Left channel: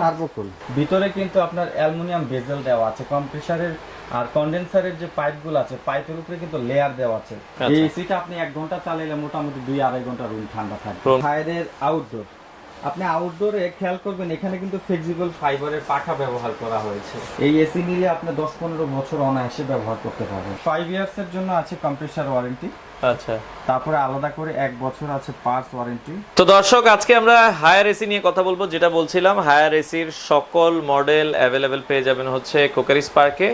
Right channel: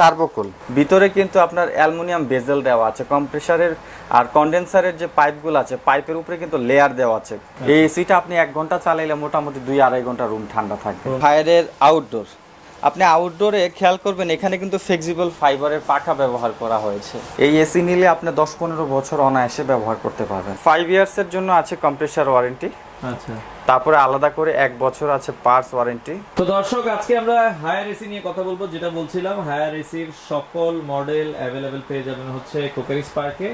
Turbo Cool ভিতরে কিন্তু আপনার অ্যালুমিনিয়াম বেজেল দেওয়া আছে, কম্প্রেসারের আর কন্ডেন্সারের যে পাইপগুলো আছে পাইপের উপরে কিন্তু লেয়ার দেওয়া আছে। এই এসিটা আপনি 1 ঘন্টা চালাইলে মোটামুটি 2-2.5 ঘন্টা রুম ঠান্ডা থাকবে। ফায়ারের আউটডোর, আপনি আউটডোরে খেয়াল করবেন এখানে কিন্তু ফ্লেক্সিবল ফাইবারের পাখা ব্যবহার করা হয়েছে। এই এসি নিলে আপনি 10-15 বছর অনায়াসে ব্যবহার করতে পারবেন। 5 ইয়ার্সের জন্য আছে কম্প্রেসার ওয়ারেন্টি। আচ্ছা, তারপরে আলাদা করে 1 বছর আছে পার্টস ওয়ারেন্টি। তো দর্শক আজকে আমরা হায়ার এসি নিয়ে কথা বলবো। যেটা বলছিলাম, হায়ার এসির সকল মডেল অ্যাভেলেবেল পেয়ে যাবেন হচ্ছে ক্রকারিজ পার্কে।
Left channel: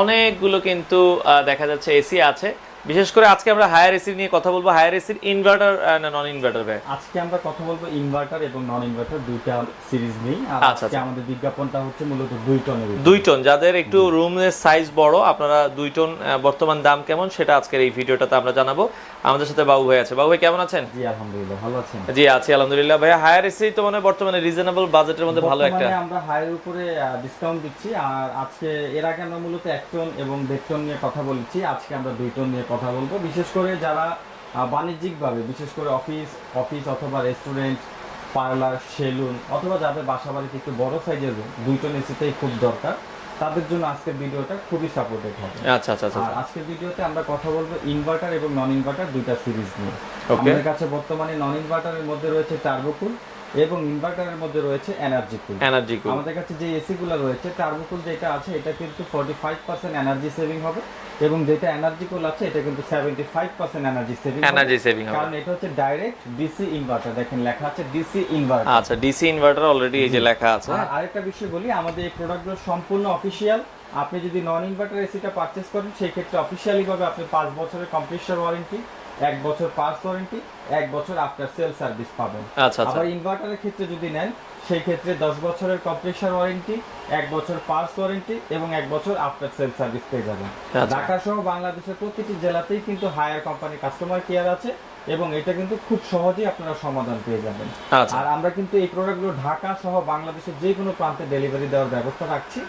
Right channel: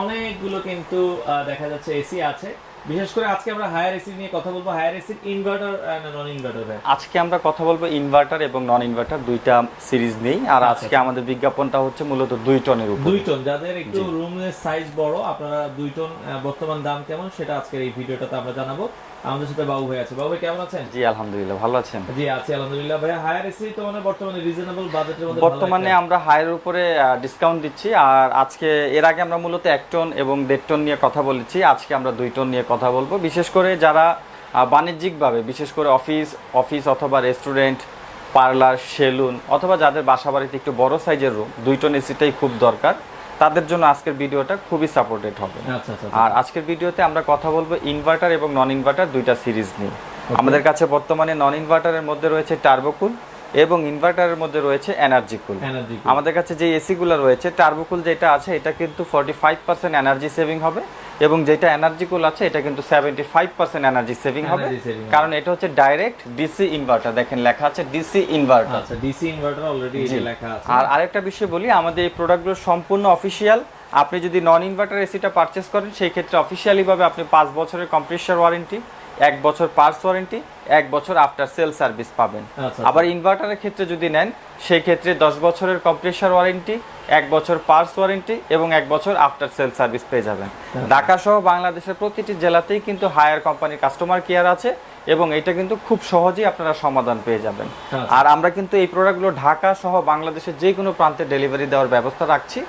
অনেকগুলো কিন্তু দেখা যাচ্ছে এসি আছে। বিশেষ করে আজকে আমরা হায়ার এসি নিয়ে কথা বলবো। হায়ার এসির ইনভার্টার না নন ইনভার্টার ভাই? আজকে আমরা কথা বলবো ইনভার্টার এবং নন ইনভার্টার দুইটা সিরিজ নেই। আর আজকে আমাদের বিজ্ঞাপনটা হচ্ছে মূলত 2 টনের উপর। 2 টন, যাদের একটু রুমের সাইজ বড়, আপনারা 2 টন বর্তমান দাম কেমন সেটা আজকের এই ভিডিওটাতে আমরা জানাবো। আমাদের সাথে বাবু ভাই আছে। বাবু ভাই কেমন আছেন? জি আলহামদুলিল্লাহ, ভালো আছেন? জি আছি আলহামদুলিল্লাহ। ভাই হায়ার এসি তো মানে বর্তমানে রিজনেবল বাজেটের মধ্যে ভালো একটা, বর্তমানে আমরা হায়ার উপরে ডিসকাউন্ট দিচ্ছি। আর আজকে এর আগে আমরা মূলত 1 টন এবং 1.5 টন নিয়ে কথা বলেছি, আজকে আমরা 2 টন নিয়ে কথা বলবো। বিশেষ করে যারা বাণিজ্যিকভাবে, বিশেষ করে অফিস অথবা রেস্টুরেন্ট, পার্লার, সেলুন অথবা যাদের বাসা বাড়িতে একটু বড় সাইজের রুম, 2 টন এসিটাই খুব দরকার, তাদের জন্য আজকের ভিডিওটা খুবই সাপোর্টেড হবে। আচ্ছা আচ্ছা। আর আজকের ভিডিওতে আমরা কথা বলবো ইনভার্টার এবং নন ইনভার্টার দুইটা সিরিজ নিয়ে। আমাদের কাছে বর্তমানে নন ইনভার্টারের মধ্যে রয়েছে টার্বোকুল এবং ইনভার্টারের মধ্যে রয়েছে এনার্জি কুল। আমাদের কাছে যে এসি গুলো রয়েছে, টার্বোকুল যেটা আছে এটা কিন্তু 45% এনার্জি সেভিং হবে এবং যেটা এনার্জি কুল আছে এটা কিন্তু 75% এনার্জি সেভিং হবে, কারণ এটা হচ্ছে ডাইরেক্ট ডিসি ইনভার্টার। দেখেন লেখা আছে ডিসি ইনভার্টার। আচ্ছা, ডিসি ইনভার্টার অলরেডি এই যে লেখা আছে। আর আরেকটা বিষয় বলি, আমাদের এই প্রোডাক্টগুলো সম্পূর্ণ অফিশিয়াল। আপনি যদি নন ইনভার্টার এসিটা পারচেজ করেন, সেই ক্ষেত্রে অফিশিয়ালি ভাবে আপনি 5 বছরের কম্প্রেসার ওয়ারেন্টি, 1 বছর পার্টস ওয়ারেন্টি, 1 বছর আফটার সেল সার্ভিস পাবেন। আবার ইনভার্টারের ক্ষেত্রে যদি নেন, সেই ক্ষেত্রে 10 বছরের কম্প্রেসার ওয়ারেন্টি, 1 বছর পার্টস ওয়ারেন্টি এবং 1 বছর আফটার সেল সার্ভিস পেয়ে যাবেন। ঢাকা সহ বাংলাদেশের প্রতিটি জেলাতেই কিন্তু হায়ার কোম্পানির কাস্টমার কেয়ার আছে এবং এটা কিন্তু খুব সহজেই আপনারা সমাধান পেয়ে যাবেন। আর আমরা কিন্তু এই প্রোডাক্টগুলো ঢাকা সহ বাংলাদেশের যে কোনো প্রান্তে ডেলিভারি দেওয়ার ব্যবস্থা রাখছি।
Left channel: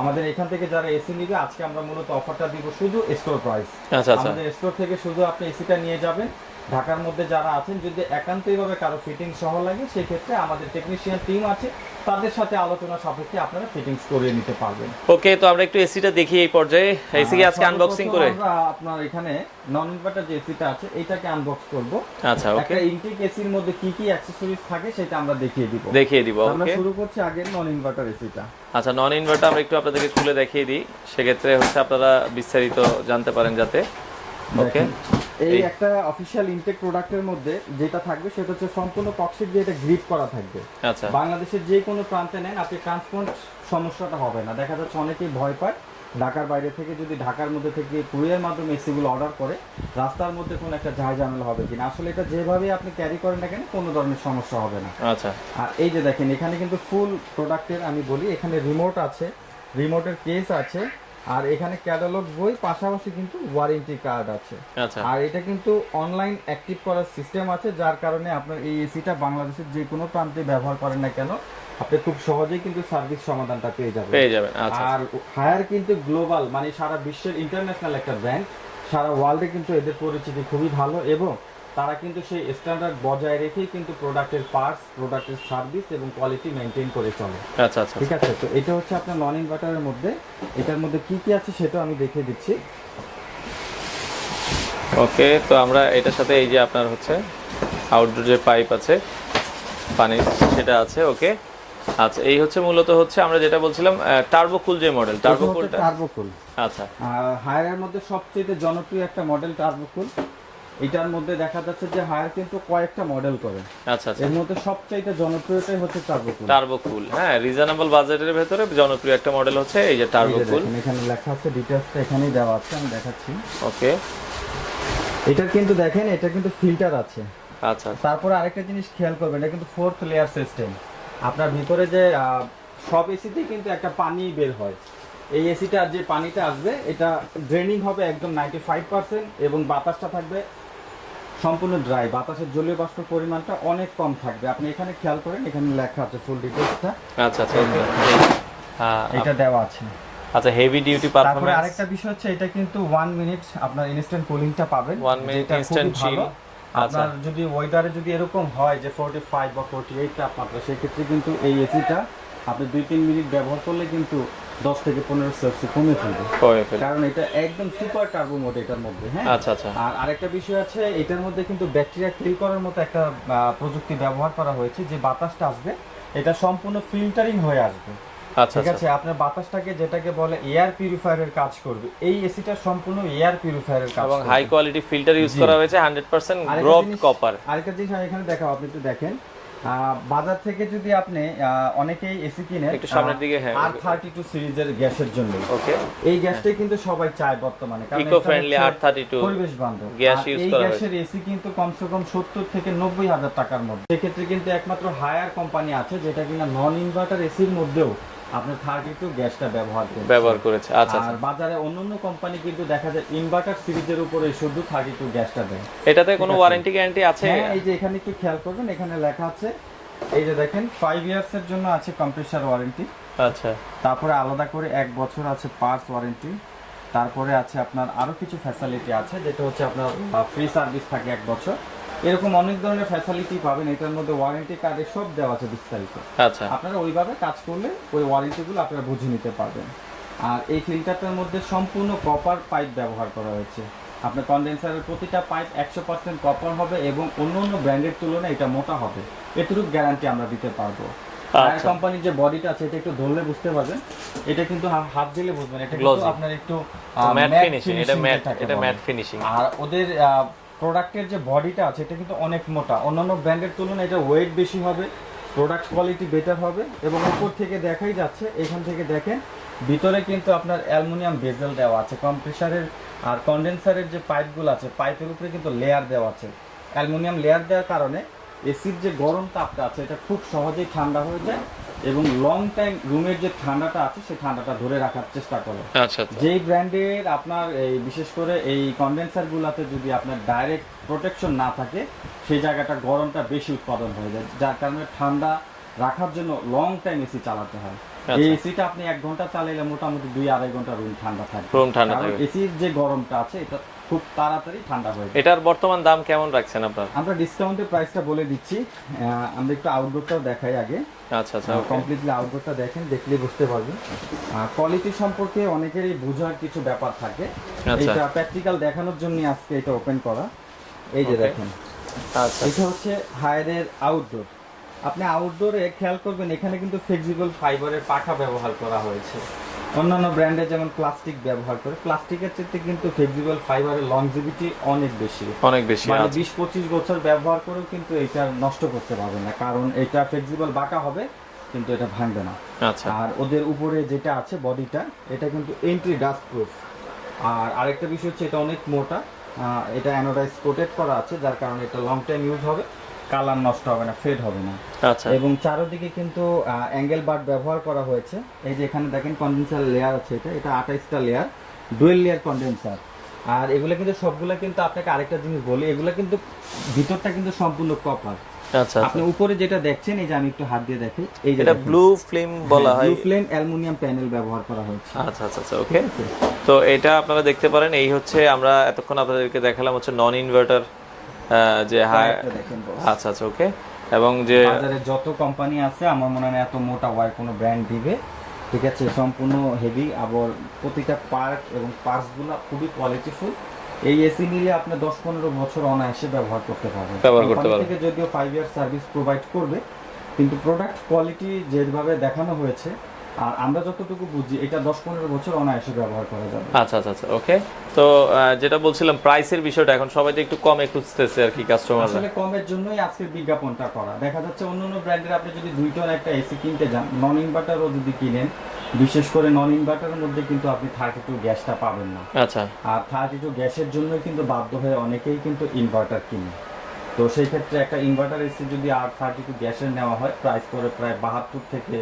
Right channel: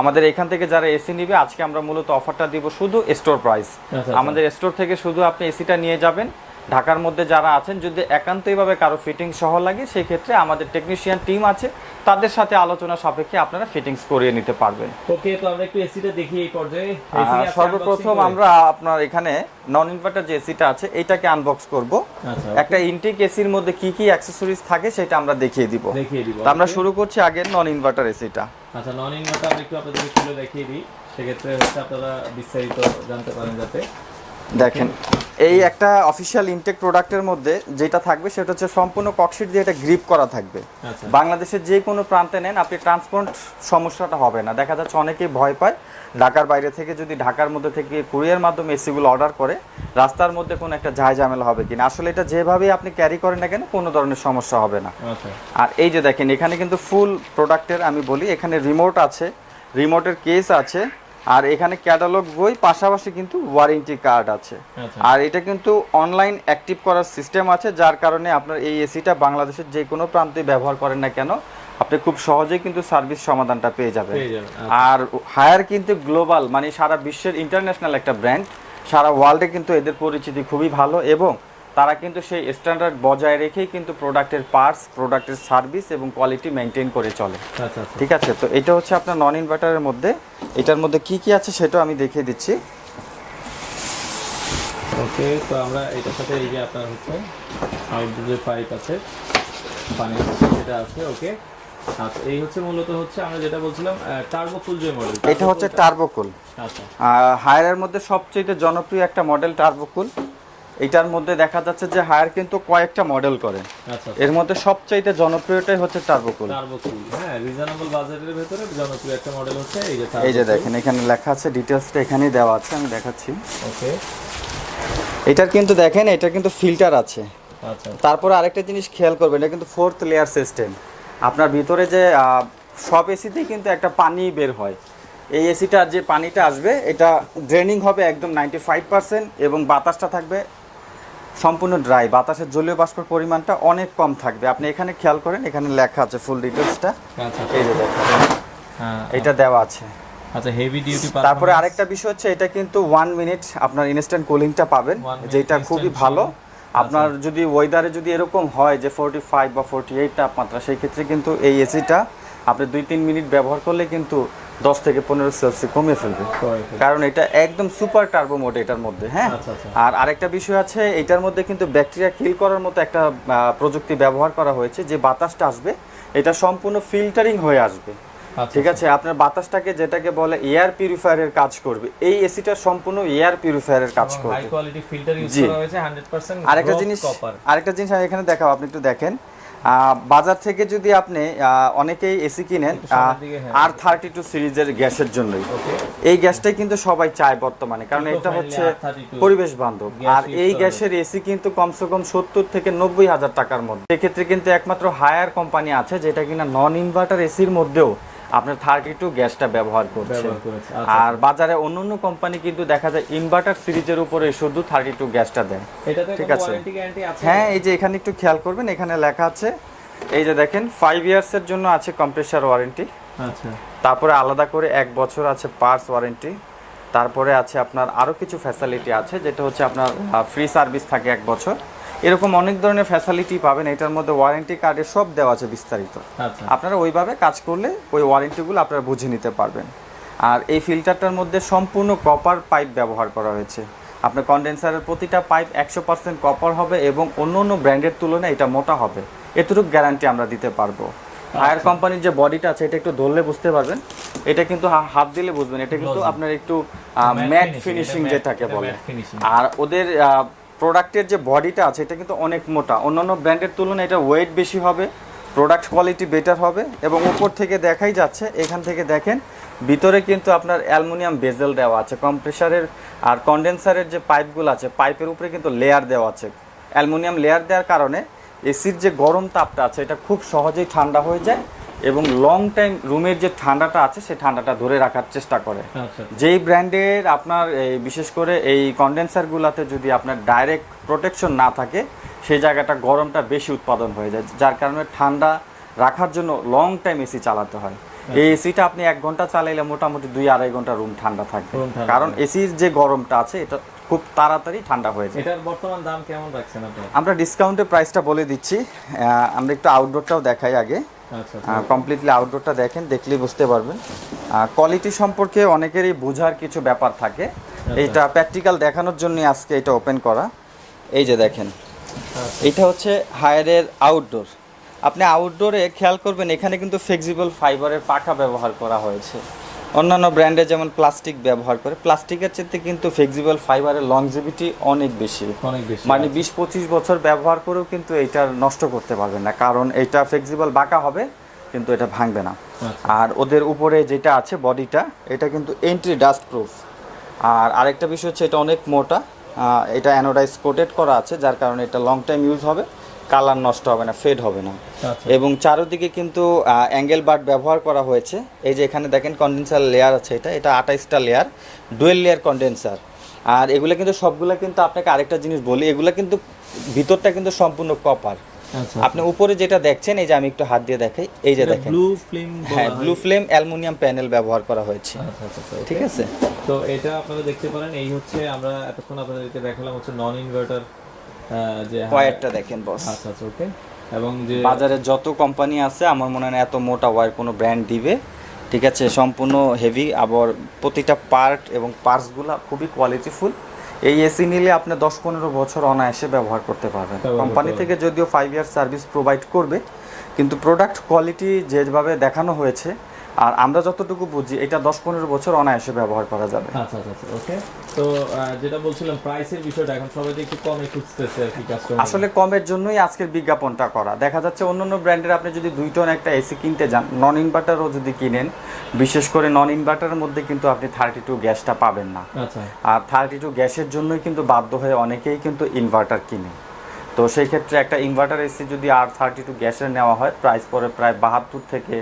আমাদের এখান থেকে যারা এসি নিবে, আজকে আমরা মূলত অফারটা দিব শুধু স্টোর প্রাইস। আমাদের স্টোর থেকে শুধু আপনি এসিটা নিয়ে যাবেন। ঢাকার মধ্যে যারা আছেন, যদি একান্তইভাবে কারো ফিটিং সহ লাগে, সেই ক্ষেত্রে আমাদের টেকনিশিয়ান টিম আছে, তাদের সাথে আলোচনা সাপেক্ষে আপনারা ফিটিংস করিয়ে নিতে পারবেন। ওকে, তো আমরা একটু এসিটা দেখি এই পর্যায়ে। এসি আজকে আনবক্সিং করব আমরা। আপনার এখানে নন ইনভার্টার যে এসিটা আছে এটাকে আনবক্স করব। আচ্ছা, একটা ইনটেক এসির মধ্যে কি কি অ্যাকসেসরিজ থাকে সেটা আমরা দেখিয়ে দিব। আমরা শুরু করছি আগে নন ইনভার্টার এসিটা। আচ্ছা, নন ইনভার্টার আমরা একটু আপনাদেরকে খুলে দেখিয়ে দিই, সেক্ষেত্রে হচ্ছে আপনারা বিস্তারিত জানতে পারেন। যাতে দেখেন, এই একটা অফিশিয়াল ইনটেক প্রোডাক্টের মধ্যে যেটা থাকবে সেটা হচ্ছে সম্পূর্ণ ককশিট দিয়ে এটা গ্রিপ করা থাকবে। আচ্ছা, বাংলাদেশের যে কোনো প্রান্তে নেন আপনি ট্রান্সপোর্ট সমস্যাটা হবে না। দেখা যাচ্ছে অনেকেই ভয় পায় ঢাকার বাইরে থেকে যদি ঢাকার মধ্যে থেকে কুরিয়ার মাধ্যমে এসিগুলো অর্ডার করে, রাস্তার মধ্যে কোনো একটা ঝামেলা হবে কিনা। আসলে এটা যেভাবে আপনি ক্যারি করেন না কেন, কোনো ধরনের সমস্যা হবে না। আচ্ছা, আর এই যে দেখেন এখানে কিন্তু ফুল প্রোডাক্টের আমি বলি, এখানে রিমোট আছে, রিমোটের কেস আছে, আর এখানে ক্যাটালগ বই, পাশাপাশি কিন্তু ওয়ারেন্টি কার্ড আছে। আর এটা কিন্তু অনলাইন অ্যাক্টিভ করার সিস্টেম আছে, যার কারণে আপনার এই এসিটা বাংলাদেশের যে কোনো প্রান্তে ব্যবহার করেন না কেন, আপনি খুব সহজেই কিন্তু সার্ভিস সমাধানটা পেয়ে যাবেন। আর হায়ার কিন্তু গ্লোবাল, মানে সারা বিশ্বের ইন্টারন্যাশনাল একটা ব্র্যান্ড, সারা ওয়ার্ল্ডে কিন্তু এদের পরিচিতি খুবই ভালো এবং তারা কিন্তু সেই স্ট্যান্ডার্ড বজায় রেখেই কিন্তু প্রোডাক্টের পার্টস, প্রোডাক্টের সার্ভিস এবং কোয়ালিটি মেনটেন করে চলে। আচ্ছা আচ্ছা, ঠিক আছে। তো এটা হচ্ছে আপনার নন ইনভার্টারের মধ্যে, এটার মধ্যে কি কি আছে সেটাও আমি দেখিয়ে দিচ্ছি। ওকে, তো আমরা এটার সাথে এই যে আপনার হচ্ছে আউটডোর যে পাইপ আছে পানির, সেটা আছে। ওকে, আচ্ছা, এই হচ্ছে মূলত হচ্ছে আমরা যেটা বলছিলাম টার্বোকুল যে মডেল, এটা হচ্ছে টার্বোকুল। আচ্ছা, হায়ারের মধ্যে সবচেয়ে জনপ্রিয় একটা মডেল টার্বোকুল। এটার মধ্যে দেখা যাচ্ছে যে হায়ার কিন্তু কয়েকটা মডেল করে। আচ্ছা, এর মধ্যে সবচেয়ে জনপ্রিয়টাই হচ্ছে টার্বোকুল। হ্যাঁ, রিজনেবল বাজেটের ভিতরে জনপ্রিয় একটা মডেল হচ্ছে এই যে টার্বোকুল। এই যে দেখেন এখানে লেখা আছে, ডিটেইলসটা এখানেই দেওয়া আছে, আমি দেখাচ্ছি। ওকে, এটার কিন্তু দেখেন, এটা কিন্তু ফিল্টার আছে। আচ্ছা, তারপর আরেকটা জিনিস খেয়াল করবেন, এটা কিন্তু 4th লেয়ার সিস্টেম। আপনার ভিতরে যে সব এসিতেই কিন্তু একটা পানি বের হয়, এই এসিটার যে পানিটা আসবে এটা ড্রেনিং হবে একদম 95% এবং বাতাসটা থাকবে সম্পূর্ণ ড্রাই। বাতাসের জলীয় বাষ্পের পরিমাণটা অনেক কম থাকবে। আপনি এখানে খেয়াল করেন, এখানে লেখা আছে ফুল ডিটেইলসটা। আচ্ছা, হ্যাঁ, এটা দেওয়া আছে। আচ্ছা, হেভি ডিউটি পারফরম্যান্স। তারপরে আরেকটা বিষয় হচ্ছে, এটা কিন্তু 1 মিনিট আপনার ইনস্ট্যান্ট কুলিংটা পাবেন, যেটা খুবই ভালো। আপনার যদি ওয়েদারে যদি এরকম হয় যে 45 বা 48 তাপমাত্রা, সেই ক্ষেত্রে কিন্তু এই এসিটা আপনি 2-3 মিনিট ব্যবহার করলে কিন্তু 10 থেকে 15 সেলসিয়াস কমে ফেলবে, কারণ এটা একদম সুপার টার্বো মোড এটার মধ্যে। হ্যাঁ, আচ্ছা আচ্ছা। আর আরেকটা বিষয় আছে, এটার মধ্যে কিন্তু ব্যাকটেরিয়া কিল করার মতো একটা প্রযুক্তি ব্যবহার করা হয়েছে, যে বাতাসটা আসবে এটা সম্পূর্ণ ফিল্টারিং হয়ে আসবে। ঠিক আছে, আপনার বাতাসটাকে যেটাকে বলে এয়ার পিউরিফায়ারের কাজ করবে। এই এসিটা সম্পূর্ণ এয়ার পিউরিফায়ারের কাজ করবে, হাই কোয়ালিটি ফিল্টার ইউজ করা হয়েছে 100% কপার। আরেকটা জিনিস আমি এখানে দেখাবো, আপনি একটু দেখেন। বাজার থেকে যদি আপনি অনেকেই এসি কিনেন R32 সিরিজের গ্যাসের জন্য, ওকে, এই গ্যাসটাই কিন্তু সবাই চায় বর্তমানে, কারণ এটা হচ্ছে পরিবেশ বান্ধব। আর এই গ্যাসের এসি কিন্তু কমসে কম 70 থেকে 90 হাজার টাকার মধ্যে। এক্ষেত্রে কিন্তু একমাত্র হায়ার কোম্পানি আছে যেটা কিনা নন ইনভার্টার এসির মধ্যেও আপনার 32 গ্যাসটা ব্যবহার করেছে। আর বাজারে অন্যান্য কোম্পানি কিন্তু দেখা যায় ইনভার্টার সিরিজের উপরে শুধু 32 গ্যাসটা দেয়। এটাতে কোনো ওয়ারেন্টি গ্যারান্টি আছে? হ্যাঁ, এই যে এখানে একটু খেয়াল করবেন, এখানে লেখা আছে, এই যে দেখেন 5 ইয়ার্স এর জন্য আছে কম্প্রেসার ওয়ারেন্টি। আচ্ছা, তারপরে আলাদা করে 1 বছর আছে পার্টস ওয়ারেন্টি। তারপরে আছে আপনার আরো কিছু ফ্যাসিলিটি আছে, যেটা হচ্ছে আপনার ফ্রি সার্ভিস থাকে 1 বছর। এরকম অনেক ধরনের ফ্যাসিলিটি পাবেন এটার মধ্যে, ওয়ারেন্টি কার্ডে সব দেওয়া আছে বিস্তারিত। আচ্ছা, আপনারা ওইভাবে কাজ করলে ওই ওয়ারেন্টিগুলো আপনারা বুঝে নিতে পারবেন। আর এই ফিল্টারটার মধ্যে সম্পূর্ণ কপার পাইপ ব্যবহার করা হয়েছে। আপনার কন্ডেন্সারের প্রতিটা পাইপ 100% কপার হবে এবং অন্য অন্য ব্র্যান্ডের তুলনায় এটা মোটা হবে, এতটুকু গ্যারান্টি আমরা দিতে পারবো। হায়ার কোম্পানির যে বডিটা আছে এটা একটু ধরলে বুঝতে পারবেন, এটা কিন্তু হাত দিলে বুঝবেন, এটা কিন্তু আপনার একটু ম্যাট ফিনিশিং যেটাকে বলে। আর ওদের প্রোডাক্টের যে বডিটা আছে এটা কিন্তু অনেক মোটা, অন্যান্য ব্র্যান্ডের তুলনায় এটা ওয়েট বেশি হবে, প্রোডাক্ট কোয়ালিটি বেটার হবে। এবং উপর থেকে দেখাই যাচ্ছে, এখান থেকে দেখেন ভিতরে কিন্তু আপনার অ্যালুমিনিয়াম বেজেল দেওয়া আছে কম্প্রেসারের। আর কন্ডেন্সারের যে পাইপগুলো আছে পাইপের উপরে কিন্তু লেয়ার দেওয়া আছে। অ্যালুমিনিয়াম লেয়ার দেওয়ার কারণে এসির যে গরম তাপটা আছে এটা খুব সহজেই ঠান্ডা হয়ে যায় এবং লং টাইম রুমের যে ঠান্ডাটা আছে সেই ঠান্ডাটা ধরে রাখার চেষ্টা করে। যেই ব্র্যান্ডের আপনার এই বিশেষ করে এই কন্ডেন্সারগুলোতে যদি আপনার ডাইরেক্ট প্রোটেকশন না থাকে সেই জায়গাটা গরমটা বেশি উৎপাদন হয়ে যায়, যার কারণে ঠান্ডা রাখার জন্য লং টাইম এসি চালাতে হয়। এই এসিটা আপনি 1 ঘন্টা চালাইলে মোটামুটি 2-2.5 ঘন্টা রুম ঠান্ডা থাকবে, কারণ এসির যে গরমটা আছে এটা খুব তাড়াতাড়ি ঠান্ডা হয়ে যায়। এটার বর্তমান দাম কেমন রাখছেন আপনারা? আমরা ডিসকাউন্টের প্রাইসটা বলে দিচ্ছি। আমরা একটু আউটডোরটাও দেখাই আগে। আচ্ছা আচ্ছা, কমপ্লিটলি আউটডোরটা দেখেন, দেখলেই বুঝতে পারবেন। কোয়ালিটি সম্পর্কে অনেকেরই বোঝার কিছু ব্যাপার থাকে, এটা প্র্যাকটিক্যাল দেখানোর জন্য আজকে এটা ওপেন করা। এই যে দেখেন, এটা হচ্ছে হায়ারের আউটডোর। আপনি আউটডোরে খেয়াল করবেন এখানে কিন্তু ফ্লেক্সিবল ফাইবারের পাখা ব্যবহার করা হয়েছে। অন্যান্য ব্র্যান্ডে যেমন প্লাস্টিক ব্যবহার করে, প্লাস্টিকের চেয়ে কিন্তু ফ্লেক্সিবল ফাইবারের লংজিভিটি অনেক বেশি, মানে 20-25 বছর ব্যবহার করেও কিন্তু এটা নষ্ট করতে পারবেন না, কারণ এটা ফ্লেক্সিবল বাঁকা হবে কিন্তু এটা ভাঙবে না। আর ওদের উপরে যেটা আছে বডিটা, এটা কিন্তু এন্ট্রি ডাস্ট প্রুফ। আর আরেকটা বিষয় হচ্ছে এটা অনেক মোটা, এটা অ্যানোডাইজ কোটেড করা আছে, যার কারণে এটা লং টাইম ইউজ হবে, কালার নষ্ট হবে না, ফেড হবে না। এবং চারদিকে কিন্তু অ্যাঙ্গেল বার্ড ব্যবহার করা হয়েছে। এই যে এখানে দেখেন কন্ডেন্সার লেয়ার আছে, এটা 28টা লেয়ার, ডুয়েল লেয়ার কন্ডেন্সার। আর এগুলো কিন্তু সবগুলো কিন্তু আপনাকে আরেকটা জিনিস বলি, এগুলো কিন্তু ভিতরটা কিন্তু সম্পূর্ণ কপার। আচ্ছা, আপনি উপরে যেটা দেখছেন, এই যে আমি একটু হাত দিয়ে দেখাই, এই যে দেখেন ব্লু ফ্লেম বলা হয়, ব্লু ফ্লেম অ্যালুমিনিয়াম প্যানেল ব্যবহার করা হয়েছে। আচ্ছা আচ্ছা, ঠিক আছে। তো এটা আপনারা দেখতে পারেন, এই হচ্ছে আমরা এতক্ষণ আপনাদেরকে দেখালাম হচ্ছে নন ইনভার্টার যে ওয়্যারটা দেখেন বস। আচ্ছা আচ্ছা, ওকে। এবং যে বাজারে যত কোম্পানি আছে আমার মনে হয় না এত মোটা ওয়্যার কোনো ব্র্যান্ড দিবে, ঠিক আছে, সম্পূর্ণ হেভি, আবার প্রতিটা পার্ট এবং পার্টসগুলো খুবই কোয়ালিটিফুল। এই এসি নিলে আপনি 10-15 বছর অনায়াসে ব্যবহার করতে পারবেন। কোম্পানি থেকে যদিও 5 ইয়ার সার্ভিস প্রোভাইড করবে, কিন্তু প্রোডাক্ট কোয়ালিটি যেভাবে দেখানো হয়েছে আর আমরা যতটুকু বুঝি এটা 10-15 বছর অনায়াসে ব্যবহার করা যাবে। আচ্ছা আচ্ছা আচ্ছা, ওকে। তো যেটা বলছিলাম প্রাইসের বিষয়টা, এখন সবাই তো একটু কম একটু খুঁজতেছে আর কি কাস্টমার। আসলে কমের জন্যই আজকের বিজ্ঞাপনটা করা। দেখা যাচ্ছে অন্যান্য ব্র্যান্ডের আপনি যদি 2 টন একটা এসি কিনতে যান, নন ইনভার্টারও যদি কিনেন, বিশেষ করে নন ইনভার্টারের মধ্যে কিন্তু আপনি 32 গ্যাসটা পাবেন না। আচ্ছা, আর 32 গ্যাসের জন্যই কিন্তু বাধ্য হয়ে অনেকেই কিন্তু ইনভার্টার কিনে। তো সেই ক্ষেত্রে একটা ইনভার্টার এসি যদি R32 গ্যাসের নেওয়া হয়, প্রাইস পড়ে প্রায় 72 থেকে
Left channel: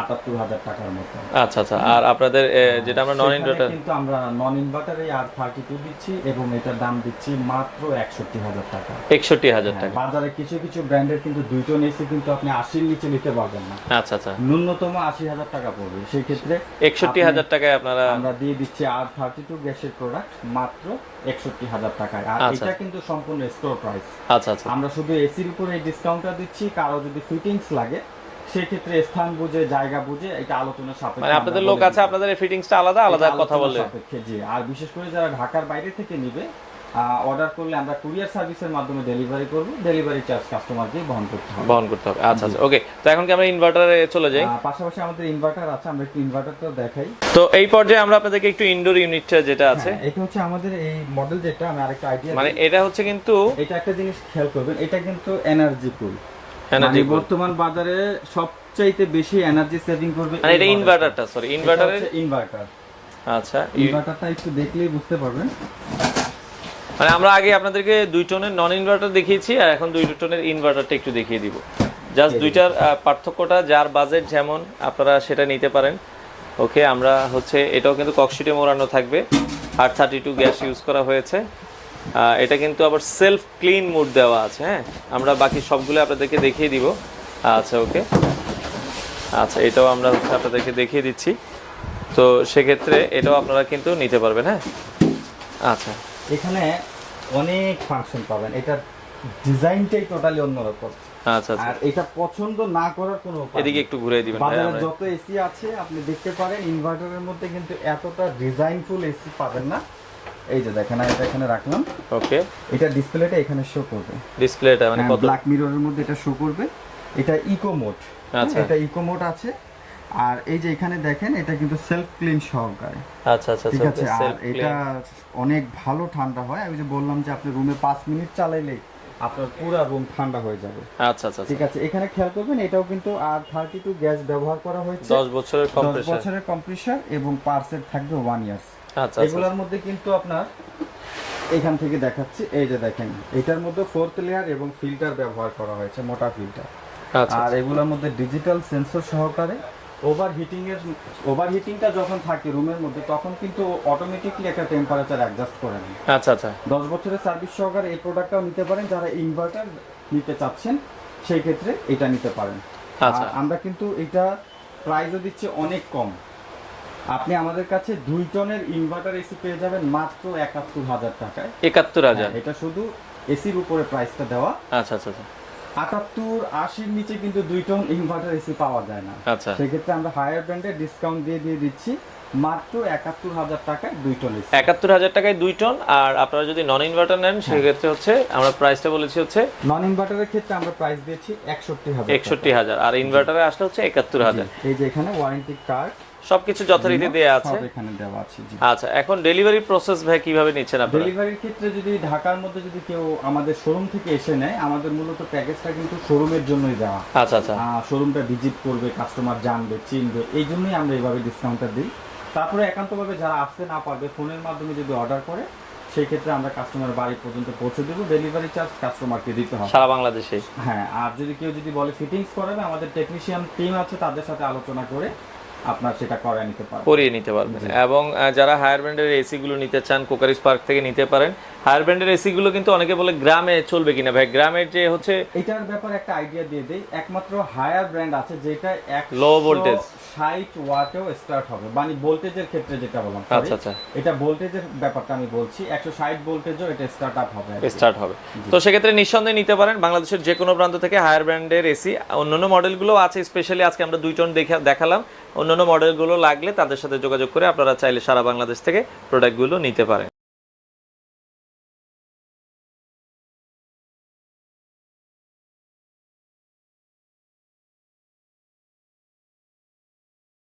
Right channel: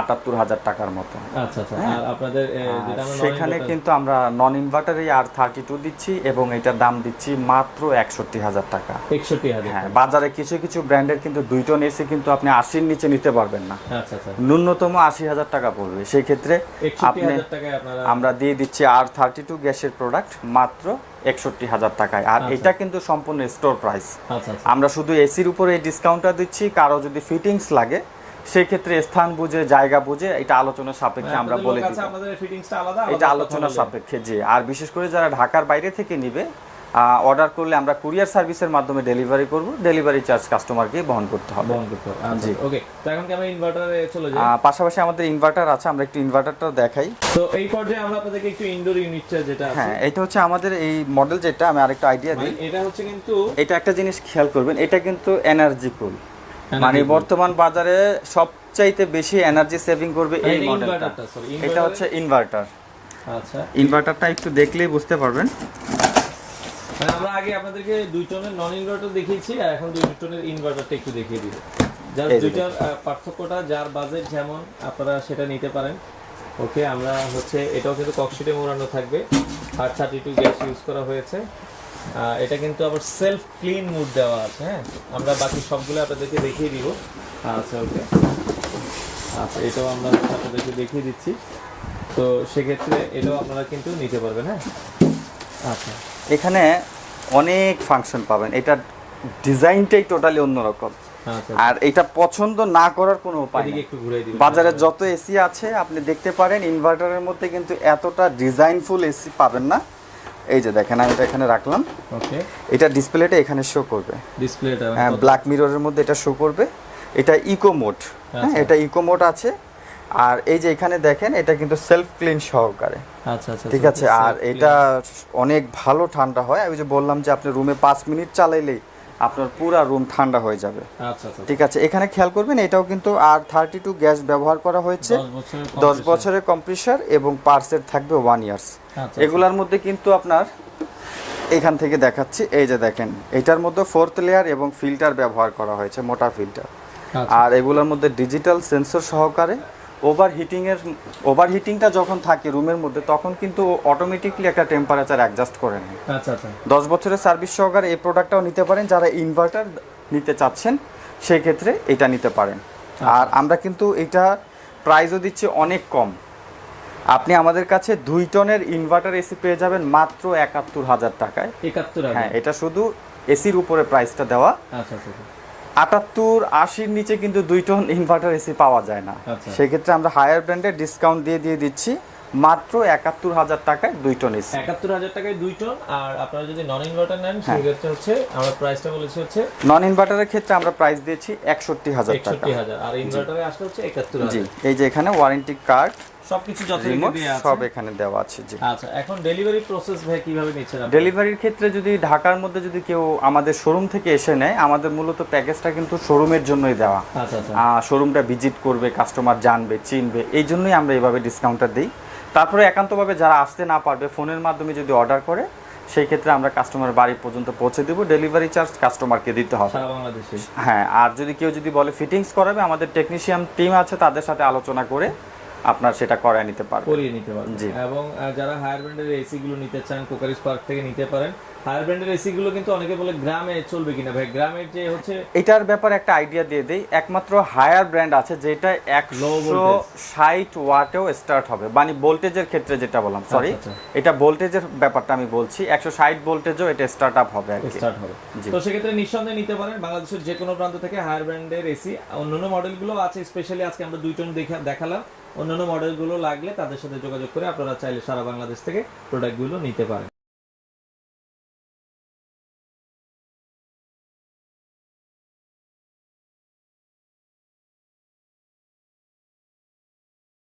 78,000 টাকার মতো। আচ্ছা আচ্ছা, আর আপনাদের যেটা আমরা নন ইনভার্টার, কিন্তু আমরা নন ইনভার্টারে R32 দিচ্ছি এবং এটার দাম দিচ্ছি মাত্র 61,000 টাকা। 61,000 টাকা। বাজারে কিছু কিছু ব্র্যান্ডের কিন্তু 2 টন এসি কিন্তু আপনি 80-র নিচে নিতে পারবেন না। আচ্ছা আচ্ছা, ন্যূনতম 80,000 টাকা পড়বে। সেই ক্ষেত্রে 61,000 টাকায় আপনারা আমরা দিয়ে দিচ্ছি R32 গ্যাসের প্রোডাক্ট মাত্র 61,000 টাকায়। আর এটা কিন্তু সম্পূর্ণ স্টোর প্রাইস। আচ্ছা আচ্ছা, আমরা শুধু এসির উপরে এই ডিসকাউন্টটা দিচ্ছি, কারো যদি ফিটিংস লাগে সেই ক্ষেত্রে স্থান বুঝে জায়গা বুঝে এটা আলোচনা সাপেক্ষে আমরা আপনাদের লোক আছে, আপনাদের ফিটিংসটা আলাদা এটা কথা আলোচনা বললে সাপেক্ষে। জি, আর বিশেষ করে যারা ঢাকার বাইরে থেকে নিবে অর্ডার করলে আমরা কুরিয়ার সার্ভিসের মাধ্যমে ডেলিভারি করব, ডেলিভারি চার্জ কাস্টমারকে বহন করতে হবে। আচ্ছা ওকে। তো এখন কি আমরা ইনভার্টারে চলে যাই? পাশাপাশি আমাদের ইনভার্টার আছে, আমরা একটু ইনভার্টারটা দেখাই। তো এই পর্যায়ে আমরা আপনাদেরকে একটু ইনডোর ইউনিটটা যেটা আছে, এটা হচ্ছে আমাদের এই মডেল, যেটা আমি আরেকটা আইডিয়া মানে এটা হচ্ছে কিন্তু এটা একটা জিনিস খেয়াল করবেন, এটা কিন্তু এনার্জি কুল, মানে বর্তমান বাজারে সবচাইতে বেশি এনার্জি সেভিং করবে এটা ইনভার্টারটা। সরি, ইনভার্টার হচ্ছে ইনভার্টার। আচ্ছা, ইনভার্টারটা একটু দেখলেই বুঝতে পারবেন। মানে আমরা আগে আপনাদেরকে 2 টনের নন ইনভার্টার দেখিয়েছি, আর এখন 2 টনের ইনভার্টারটা একটু দেখিয়ে দিব। জাস্ট দুইটার পার্থক্যটা, যার বাজেট যেমন আপনারা সেটা নিতে পারেন। ওকে, আমরা হচ্ছে এটাও কিন্তু ককশিটে মোড়ানো থাকবে, আর 32 গ্যাস ইউজ করা হয়েছে। এটা কিন্তু আবার সেলফ ক্লিন মোড দেওয়া আছে। হ্যাঁ, আমরা বাকি সবগুলো আপনাদেরকে দেখিয়ে দিব। আচ্ছা ওকে, আচ্ছা এটাও আমরা হচ্ছে আপনাদেরকে দেখিয়ে দিচ্ছি। তো সেক্ষেত্রে এটাও আপনারা কিন্তু নিতে পারবেন। হ্যাঁ, আচ্ছা এখানে অনেক ফাংশন পাবেন, এটা ডিজাইনটাই টোটালি অন্যরকম। আচ্ছা, আর এটা পছন্দ না করার কোনো উপায় নেই। এদিকে একটু ঘুরে দিবেন। বাজারে যত এসি আছে আপনি দেখতে পারেন, ইনভার্টারের মধ্যে কিন্তু এতটা ডিজাইনফুল এসি পাবেন না। এই যে দেখেন, আমি এটা এখানে রাখলাম। ওকে, এটা ডিসপ্লেটা এখানে শো করবে, ডিসপ্লেটা মানে ব্ল্যাক মিররের মধ্যে এটা শো করবে। এটা ইকো মোড, এটা ইকো মোড আছে। আর এই যে এখানে দেখেন, এটা কিন্তু সেলফ ক্লিন সহকারে। আচ্ছা আচ্ছা, ঠিক আছে। আর এটা অনেক ভালো ঠান্ডা হয়। আমি যে বললাম যে আপনি রুমে 5 মিনিট চালাইলেই আপনার পুরো রুম ঠান্ডা হয়ে যাবে। আচ্ছা আচ্ছা, ঠিক আছে। এখানে খেয়াল করবেন, এটাও কিন্তু আর 32 গ্যাস ব্যবহার করা হয়েছে, 10 বছরের কম্প্রেসর, এবং পার্সের থাকবে 1 ইয়ার্স। এগুলার মধ্যে কিন্তু আপনার এখান থেকে দেখাচ্ছি, এই যে দেখেন, এটার মধ্যে 4th লেয়ার এবং ফিল্টার ব্যবহার করা হয়েছে, মোটা ফিল্টার। আর এগুলোর মধ্যে ডিজিটাল সেন্সর সহকারে ওভারহিটিংটা যখন থাকে রুমের মধ্যে, তখন কিন্তু অটোমেটিকলি একটা টেম্পারেচার অ্যাডজাস্ট করে নেয়। আচ্ছা আচ্ছা, 10 বছরের সার্ভিস সহকারে এই প্রোডাক্টটাও নিতে পারেন। যারা ইনভার্টার নিতে চাচ্ছেন সেই ক্ষেত্রে এটা নিতে পারেন। আর আমরা কিন্তু এটা প্রাইসও দিচ্ছি অনেক কম। আপনি আমাদের কাছে 2 টনের ইনভার্টার এসি পেয়ে যাবেন মাত্র 71,000 টাকায়। 71,000? এটা শুধু এসির উপরে প্রাইসটা দেওয়া। আচ্ছা আচ্ছা, 78-80 নিচে কিন্তু 2 টন ইনভার্টার এসি পাওয়া যায় না। সেক্ষেত্রে আমরা হায়ার ব্র্যান্ডের ডিসকাউন্ট দিয়ে দিচ্ছি মাত্র 71,000 টাকায় 2 টন এসি। 71,000 টাকায় 2 টন। আর আপনারা যদি নন ইনভার্টার নেন সেক্ষেত্রে হচ্ছে আমরা প্রাইসটা বলেছি হচ্ছে, নন ইনভার্টারের ক্ষেত্রে আমরা প্রাইস দিয়েছি 61,000 টাকা। 61,000, আর ইনভার্টারে আসলে হচ্ছে 71,000। এই যে এখানে ওয়ারেন্টি কার্ড সবকিছু যথারীতি দেয়া আছে, সব এখানে দেওয়া আছে। জি, আচ্ছা এখন ডেলিভারি প্রসেস ভাই কিভাবে নিচ্ছেন আপনারা? ডেলিভারির ক্ষেত্রে যদি ঢাকার মধ্যে যদি কেউ আমাদের শোরুম থেকে এসে নেয়, আমাদের মূলত প্যাকেজটা কিন্তু শোরুমের জন্যই দেওয়া। আচ্ছা আচ্ছা, শোরুমটা ভিজিট করবে, কাস্টমার জানবে, চিনবে, এই জন্যই আমরা এইভাবে ডিসকাউন্টটা দিই। তারপরে একান্তভাবে যারা আসতে না পারবে, ফোনের মাধ্যমে যদি অর্ডার করে, সেই ক্ষেত্রে আমরা কাস্টমার বাড়ি পর্যন্ত পৌঁছে দেব। ডেলিভারি চার্জ কাস্টমারকে দিতে হবে সারা বাংলাদেশে। হ্যাঁ, আর যদি কেউ বলে ফিটিংস করাবে, আমাদের টেকনিশিয়ান টিম আছে, তাদের সাথে আলোচনা করে আপনার সেটা করিয়ে নিতে পারবেন। এবং যারা হায়ার ব্র্যান্ডের এসি গুলো নিতে চান, কোকারিস পার্ক থেকে নিতে পারেন। হায়ার ব্র্যান্ডের এসি গুলো কিন্তু অনেকে বলে গ্রামে চলবে কিনা ভাই, গ্রামের যে হচ্ছে এটার ব্যাপারে একটা আইডিয়া দিয়ে দেই। একমাত্র হায়ার ব্র্যান্ড আছে যেটা 160 ওয়াটেও স্টার্ট হবে, মানে ভোল্টেজের ক্ষেত্রে যেটা বললাম, সরি এটা ভোল্টেজের ব্যাপারটা আমি বলছি, 160 ভোল্টেজও এটা স্টার্ট হবে। তো সেক্ষেত্রে নিঃসন্দেহে নিতে পারেন বাংলাদেশের যে কোনো প্রান্ত থেকে হায়ার ব্র্যান্ডের এসি। অন্যান্য মডেলগুলো আছে, স্পেশালি আজকে আমরা 2 টন দেখালাম। অন্যান্য মডেলগুলো লাগলে তাদের সাথে যোগাযোগ করে আপনারা চাইলে সারা বাংলাদেশ থেকে প্রোডাক্টগুলো নিতে পারেন।